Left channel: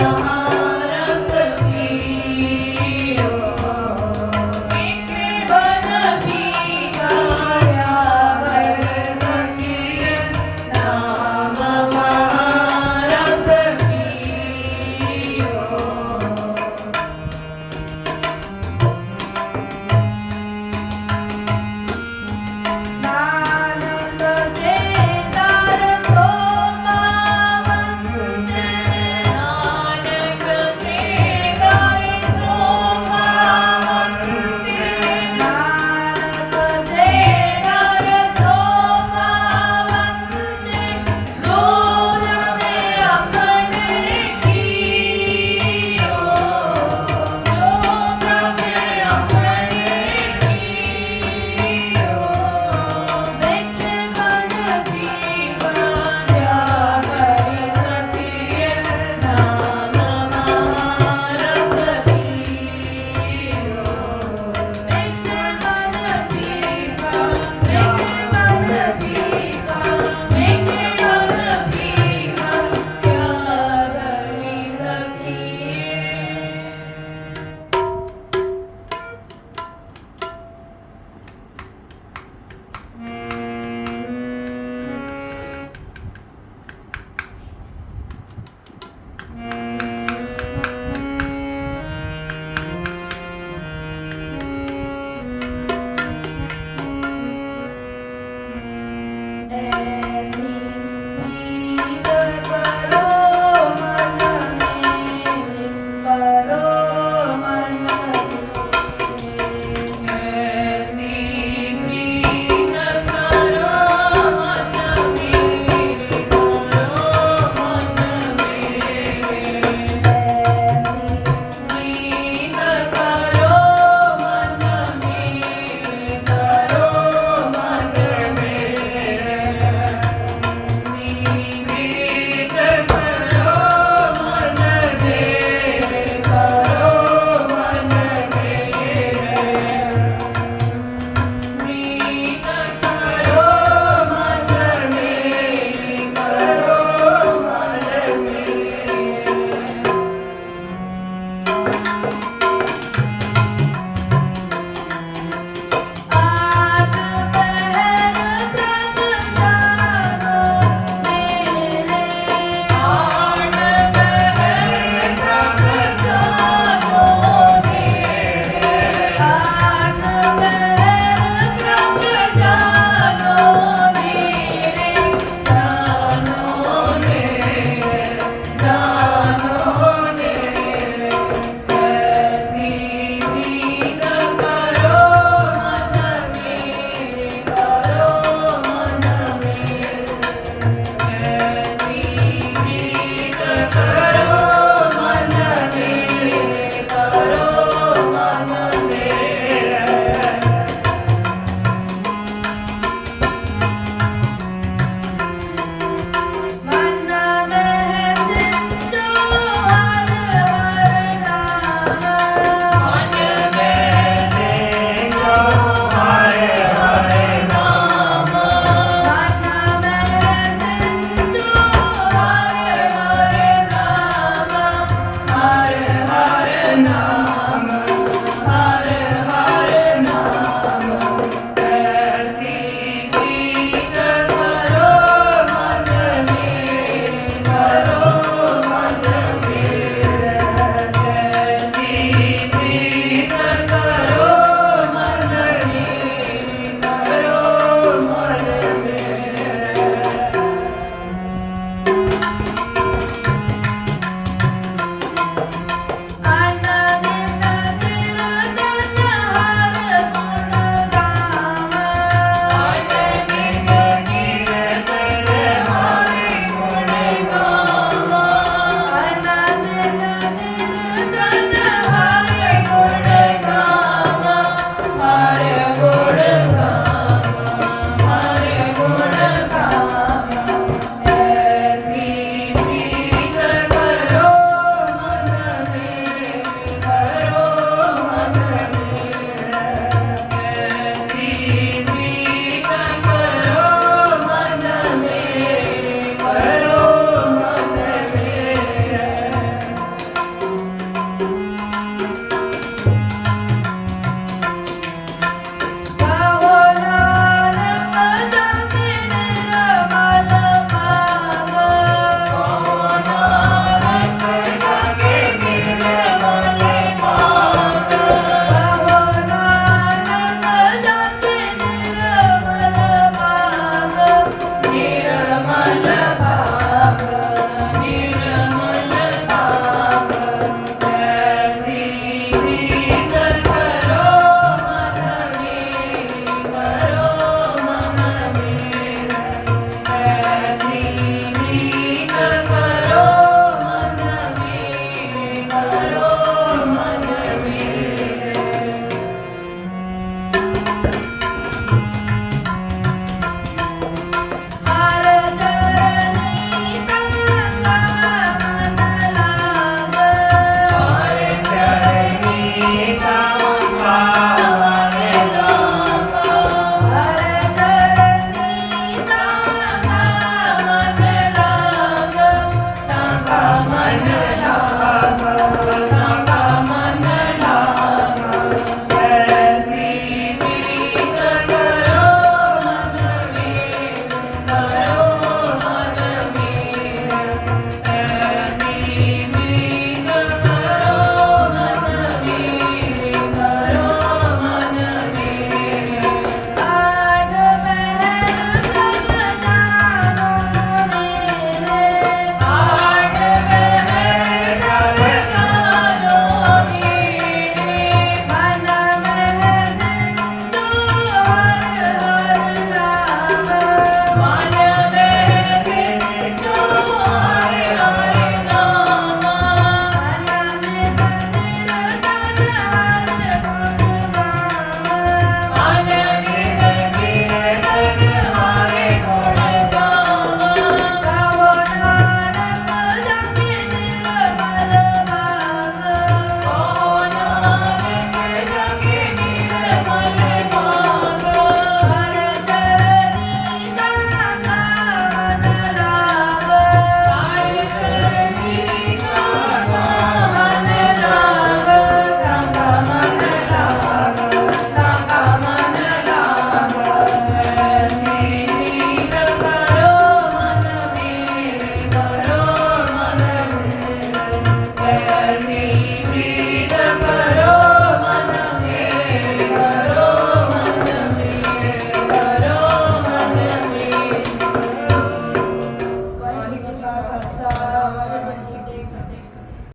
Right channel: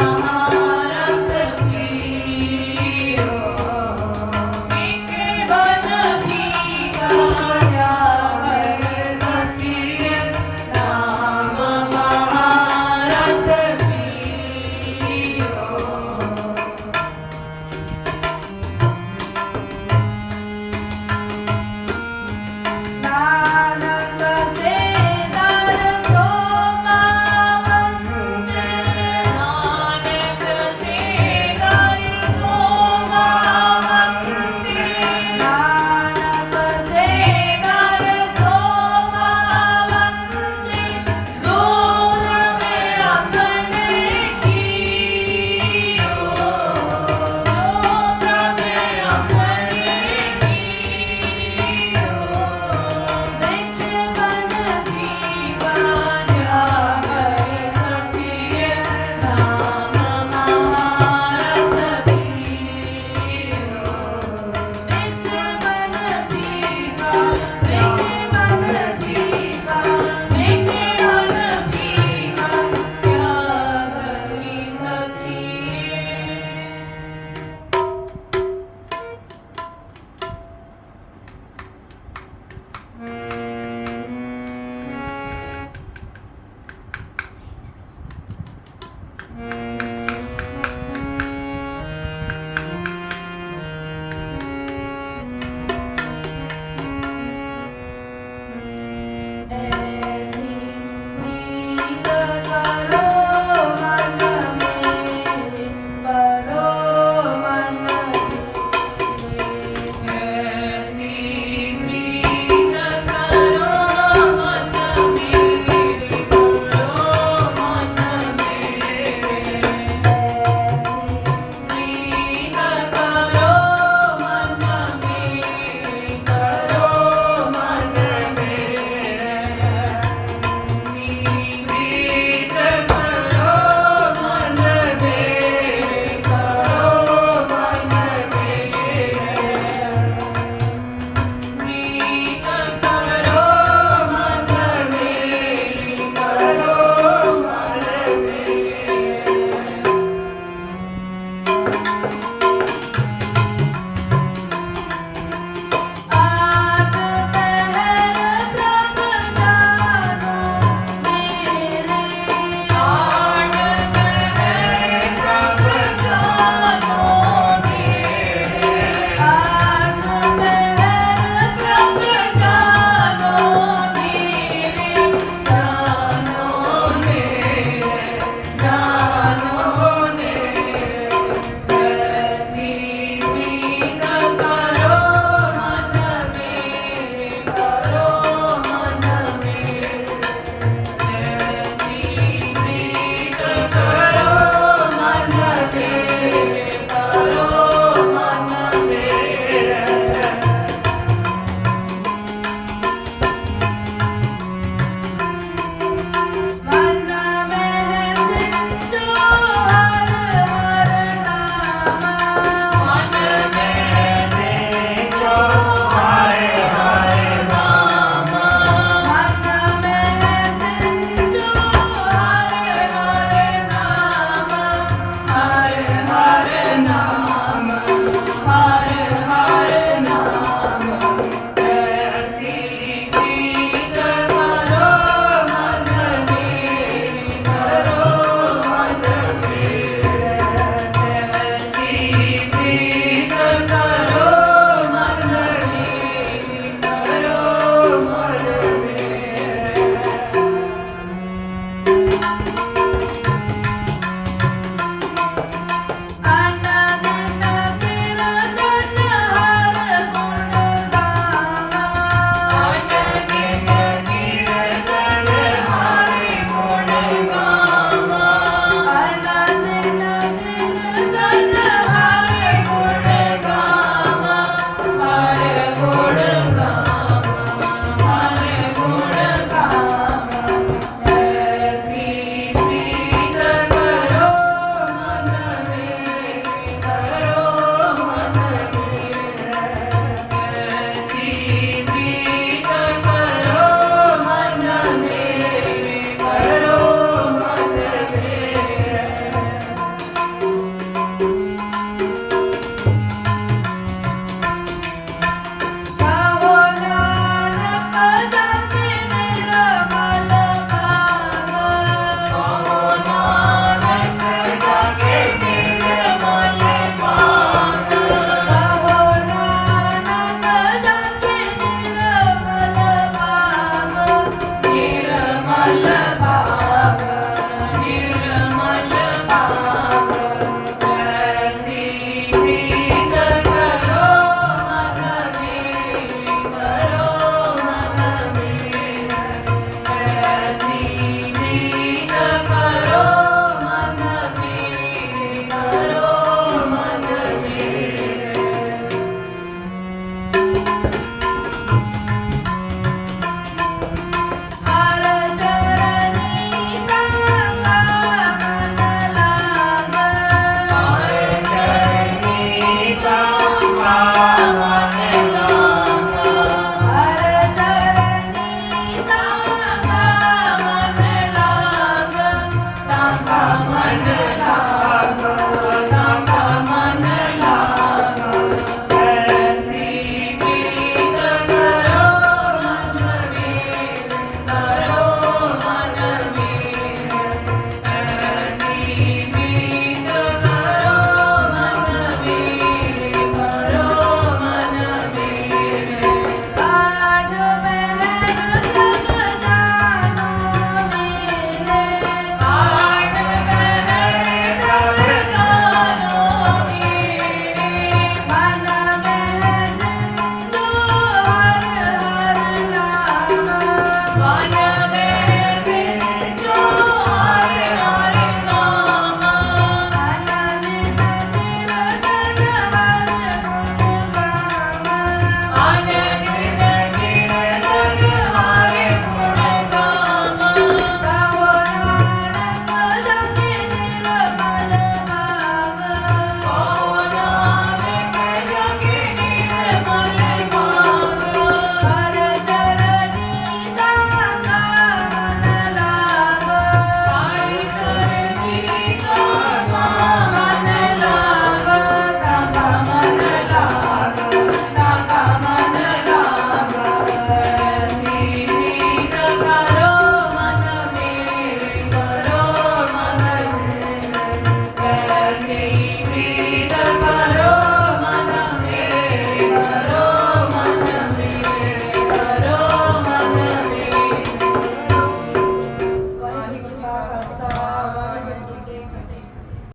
Oh,